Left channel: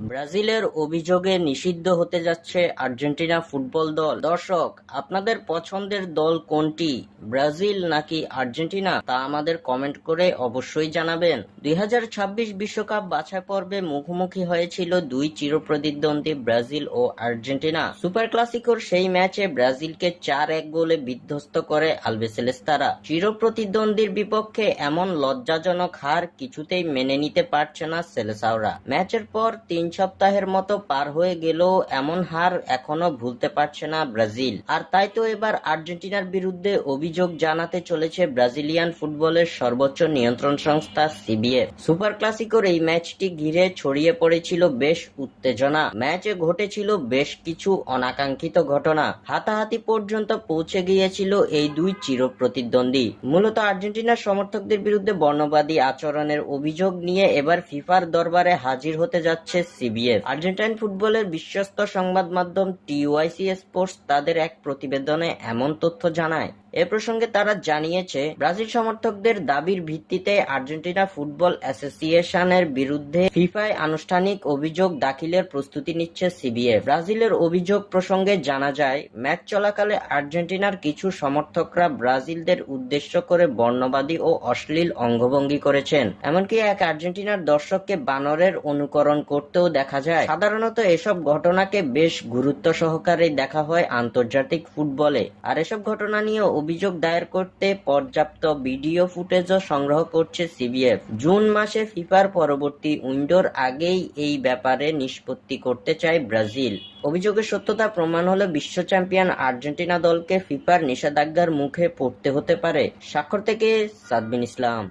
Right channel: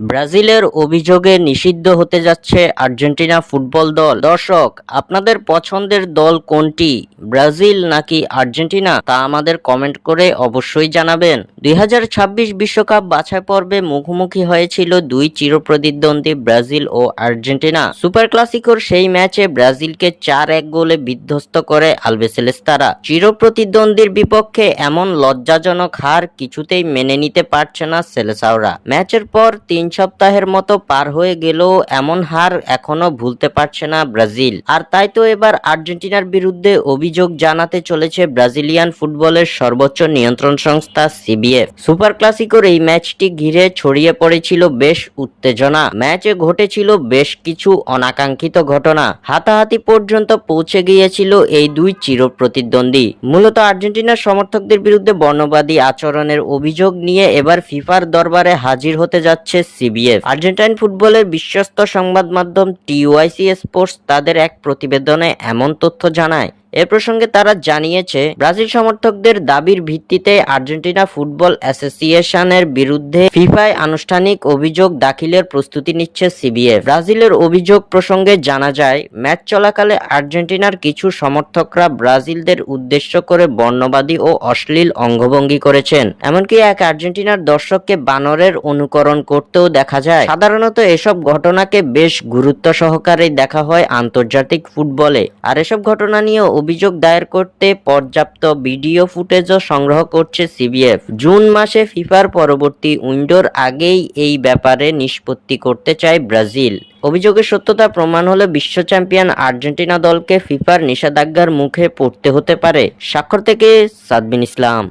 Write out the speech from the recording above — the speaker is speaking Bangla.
ব্রাজিলের অভিযোগে নিষিদ্ধ হতে যাচ্ছে আর্জেন্টিনা ফুটবল দল। দর্শক, আপনাদের পছন্দের দল কোনটি, ব্রাজিল নাকি আর্জেন্টিনা, তা আমাদের কমেন্ট করে অবশ্যই জানাবেন। 2026 বিশ্বকাপ বাছাই পর্বে মুখোমুখি হয়েছিল দুই চিরপ্রতিদ্বন্দ্বী ব্রাজিল ও আর্জেন্টিনা। সুপার ক্লাসিকোর সেই ম্যাচে ব্রাজিলকে 4-1 গোলে বিধ্বস্ত করে আলবিসেলেস্তারা। চিরপ্রতিদ্বন্দ্বীর বিপক্ষে এমন লজ্জাজনক হার কিছুতেই মেনে নিতে পারছে না সেলেসাওরা। ম্যাচের পর 3 সপ্তাহের মতো পার হয়ে গেলেও এমন হার এখনো ভুলতে পারছে না ব্রাজিল। আর তাই তো এবার আর্জেন্টিনার বিরুদ্ধে অভিযোগ জানাতে চলেছে ব্রাজিলিয়ান ফুটবলের সর্বোচ্চ নিয়ন্ত্রণ সংস্থা সিবিএফ। সুপার ক্লাসিকোর এই ম্যাচটি ঘিরে ছড়িয়ে পড়েছিল বেশ উত্তেজনা। ম্যাচে ঘটেছিল বেশ কিছু অনাকাঙ্ক্ষিত ঘটনা, হাতাহাতি পর্যন্ত পৌঁছে গিয়েছিল এই দুই চিরপ্রতিদ্বন্দ্বী। মূলত আর্জেন্টিনার সমর্থকদের বিরুদ্ধে বর্ণবাদী আচরণের অভিযোগ নিয়ে এবার ফিফার দরবারে হাজির হতে যাচ্ছে সিবিএফ। আর্জেন্টাইন ফুটবলের বিশ্বস্ত সংবাদ মাধ্যম টিওয়াইসি স্পোর্টস তাদের এক প্রতিবেদনে এমন তথ্য জানায়। এ প্রসঙ্গে তারা জানিয়েছে, ব্রাজিল সমর্থকদের দাবির ভিত্তিতে আর্জেন্টিনা ফুটবল অ্যাসোসিয়েশনের বিরুদ্ধে ফিফায় আনুষ্ঠানিক অভিযোগ দাখিলের প্রস্তুতি নিচ্ছে সিবিএফ। ব্রাজিলের অভিযোগ প্রসঙ্গে জানা যায়, ম্যাচ চলাকালে আর্জেন্টিনার কিছু সমর্থকরা ব্রাজিলদের উদ্দেশ্য করে বর্ণবাদী ও অশ্লীল অঙ্গভঙ্গি করেছেন। এমনকি এক আর্জেন্টিনার দর্শককে বানরের অনুকরণ করতেও দেখা যায়। সাধারণত এসব ঘটনাকে বেশ গুরুত্ব সহকারে দেখা হয় আন্তর্জাতিক ফুটবলে। আর এসব ঘটনা নিয়ে অভিযোগ দায়ের করতে পর্যাপ্ত ভিডিও ফুটেজও সংগ্রহ করছে সিবিএফ। জুন মাসে ফিফার পরবর্তী উইন্ডোর আগেই এই ব্যাপারে নিষ্পত্তি করতে চায় ব্রাজিল। অভিযোগের সত্যতা প্রমাণ হলে বিশ্ব চ্যাম্পিয়ন আর্জেন্টিনা দলকে ফিফার নিষেধাজ্ঞার মুখে পড়তে হতে পারে। স্বাক্ষর থেকে সাদবিন ইসলাম।